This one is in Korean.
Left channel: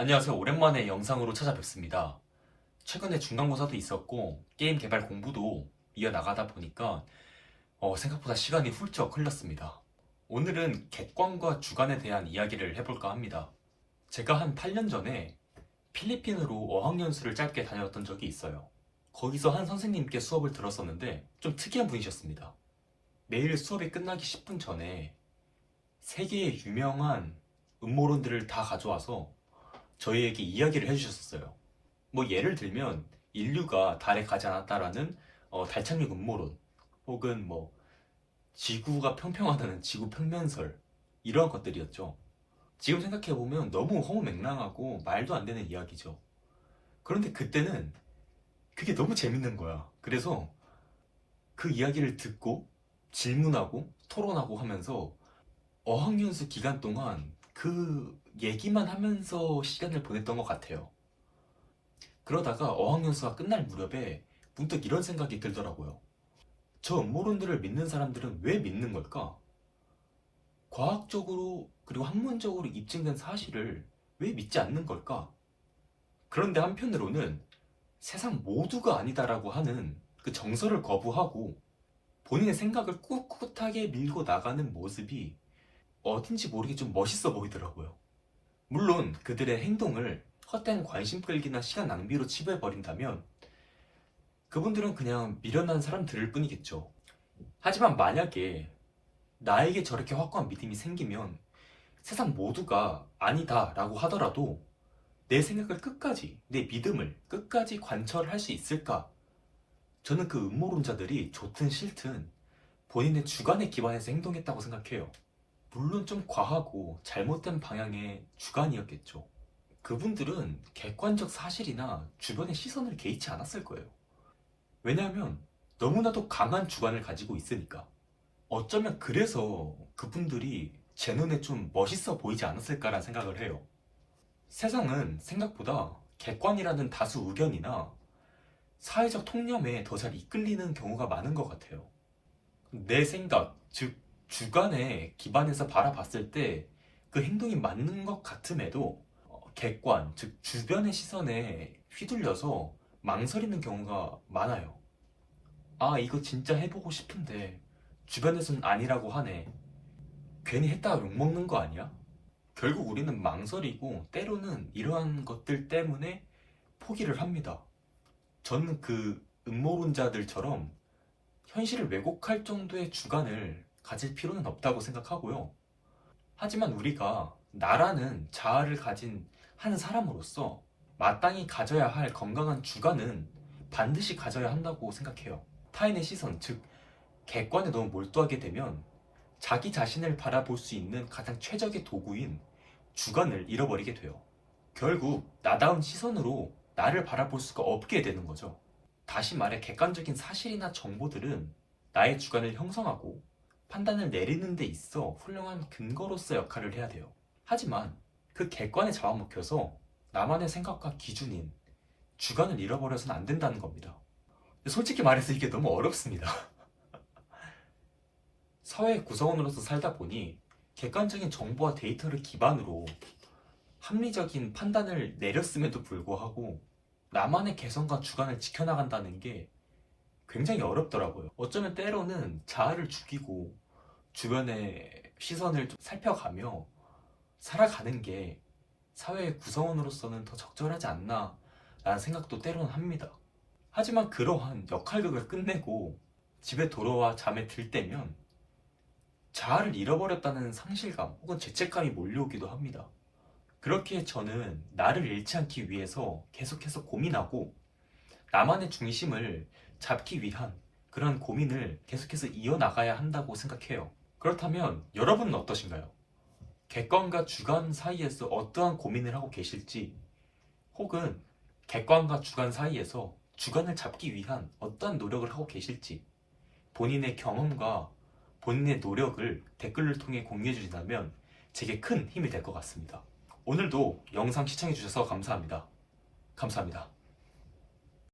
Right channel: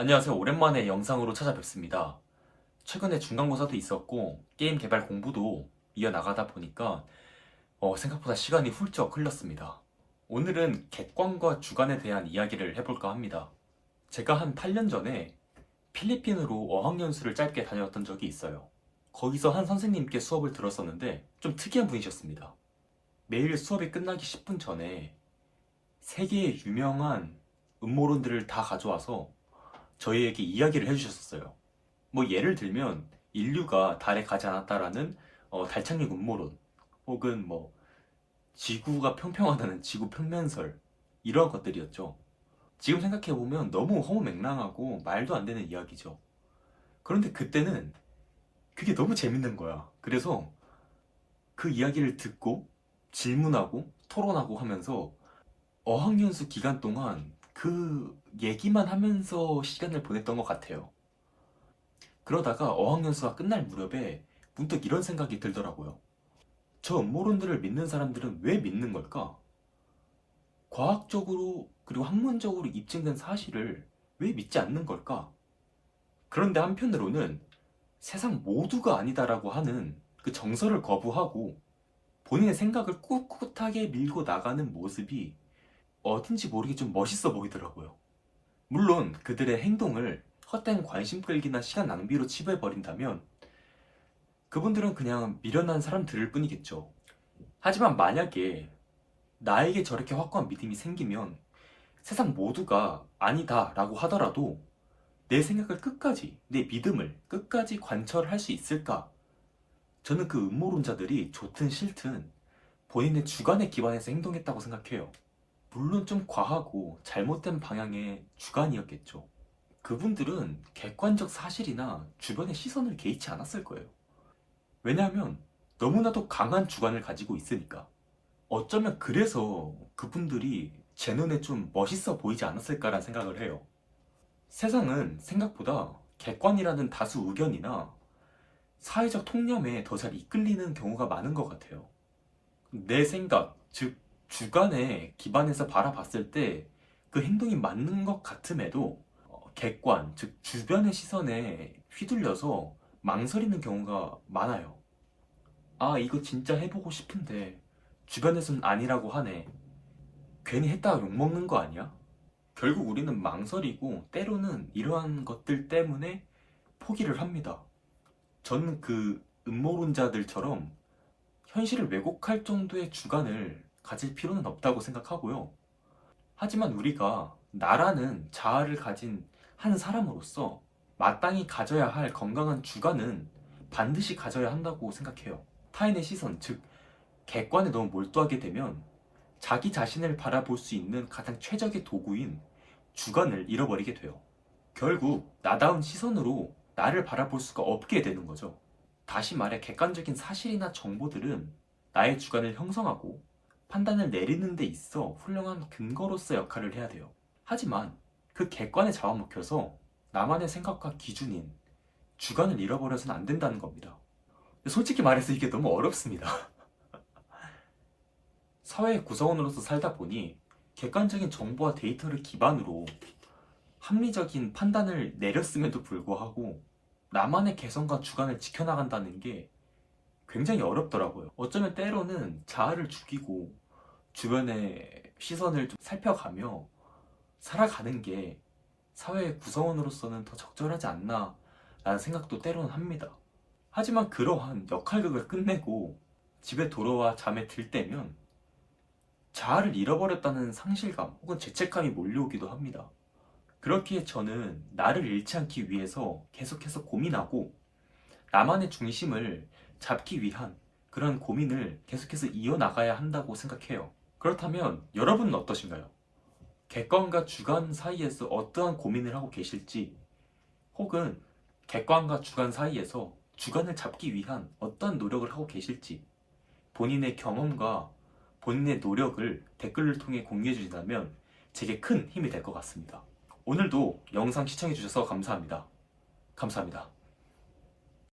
안녕하세요. 오랜만에 영상으로 찾아뵙습니다. 최근에 중간고사도 있었고 게임 개발 공부도 이어나가다 보니까 생각보다 시간이 훌쩍 흘렀습니다. 오늘은 객관과 주관에 대한 이야기를 해볼까 합니다. 제가 한 8년 전에 필리핀으로 어학연수를 짧게 다녔던 적이 있어요. 거기서 한 선생님께 수업을 들었었는데 좀 특이한 분이셨습니다. 매일 수업이 끝나기 10분 전에 세계의 유명한 음모론들을 다 가져와서 저희에게 이야기를 해주셨었어요. 뭐 예를 들면 인류가 달에 가지 않았다라는 달 착륙 음모론, 혹은 뭐 지구가 평평하다는 지구 평면설, 이러한 것들이었죠. 지금 생각해보면 너무 허무맹랑하고 말도 안 되는 이야기죠. 그런데 그때는 그게 너무 재밌는 거야. 그래서 그 이야기를 듣고 질문하고 토론하고 하면서 어학연수 기간 동안 그 얘기만 하면서 시간을 보냈던 것 같아요. 그러다가 어학연수가 끝날 무렵에 문득 이런 생각이 들더라고요. 저 음모론들을 믿는 사람들은 왜 믿는 걸까? 과학적으로 그리고 학문적으로 입증된 사실을 왜 믿지 않는 걸까? 그런데 한편으로는 세상 모두가 아니다라고 하는 그 정설을 거부하고 본인의 생각을 꿋꿋하게 밀고 나가는 모습이 어딘지 모르게 좀 멋있어 보이더라고요. 물론 그들의 행동을 헛된 관심 끌기나 시간 낭비로 치부해버린다면 그분들은 그냥 미련한 사람들일 뿐이겠죠. 하지만 만약에 나에게 저렇게 확고한 믿음이 생기면 세상 모두가 아니다 라고 하더라도 내 생각을 끝까지, 내 믿음을 끝까지 관철할 수 있을까? 저는 그 음모론자들이 좋든 싫든 본인의 주관에 기반해서 행동했다고 생각해요. 물론 좀 과하고 잘못된 방향의 주관이었겠죠. 그분들은 객관적 사실이나 주변의 시선을 개의치 않았을 거예요. 왜냐하면 너무나도 강한 주관을 가지고 있으니까. 어쩌면 그래서 그분들이 제 눈에 좀 멋있어 보이지 않았을까라는 생각을 해요. 세상은 생각보다 객관이라는 다수 의견이나 사회적 통념에 더 잘 이끌리는 경우가 많은 것 같아요. 내 생각, 즉 주관에 기반해서 바라봤을 때 그 행동이 맞는 것 같음에도 객관, 즉 주변의 시선에 휘둘려서 망설이는 경우가 많아요. 아, 이거 진짜 해보고 싶은데 주변에선 아니라고 하네. 괜히 했다가 욕먹는 거 아니야? 결국 우리는 망설이고 때로는 이러한 것들 때문에 포기를 합니다. 저는 그 음모론자들처럼 현실을 왜곡할 정도의 주관을 가질 필요는 없다고 생각하고요. 하지만 우리가 나라는 자아를 가진 한 사람으로서 마땅히 가져야 할 건강한 주관은 반드시 가져야 한다고 생각해요. 타인의 시선, 즉 객관에 너무 몰두하게 되면 자기 자신을 바라볼 수 있는 가장 최적의 도구인 주관을 잃어버리게 돼요. 결국 나다운 시선으로 나를 바라볼 수가 없게 되는 거죠. 다시 말해 객관적인 사실이나 정보들은 나의 주관을 형성하고 판단을 내리는 데 있어 훌륭한 근거로서 역할을 해야 돼요. 하지만 그 객관에 잡아먹혀서 나만의 생각과 기준인 주관을 잃어버려서는 안 된다는 겁니다. 솔직히 말해서 이게 너무 어렵습니다. 사회 구성원으로서 살다 보니 객관적인 정보와 데이터를 기반으로 합리적인 판단을 내렸음에도 불구하고 나만의 개성과 주관을 지켜나간다는 게 굉장히 어렵더라고요. 어쩌면 때로는 자아를 죽이고 주변의 시선을 좀 살펴가며 살아가는 게 사회의 구성원으로서는 더 적절하지 않나 라는 생각도 때로는 합니다. 하지만 그러한 역할극을 끝내고 집에 돌아와 잠에 들 때면 자아를 잃어버렸다는 상실감 혹은 죄책감이 몰려오기도 합니다. 그렇기에 저는 나를 잃지 않기 위해서 계속해서 고민하고 나만의 중심을 잡기 위한 그런 고민을 계속해서 이어나가야 한다고 생각해요. 그렇다면 여러분은 어떠신가요? 객관과 주관 사이에서 어떠한 고민을 하고 계실지, 혹은 객관과 주관 사이에서 주관을 잡기 위한 어떠한 노력을 하고 계실지, 본인의 경험과 본인의 노력을 댓글을 통해 공유해 주신다면 제게 큰 힘이 될 것 같습니다. 오늘도 영상 시청해 주셔서 감사합니다. 감사합니다.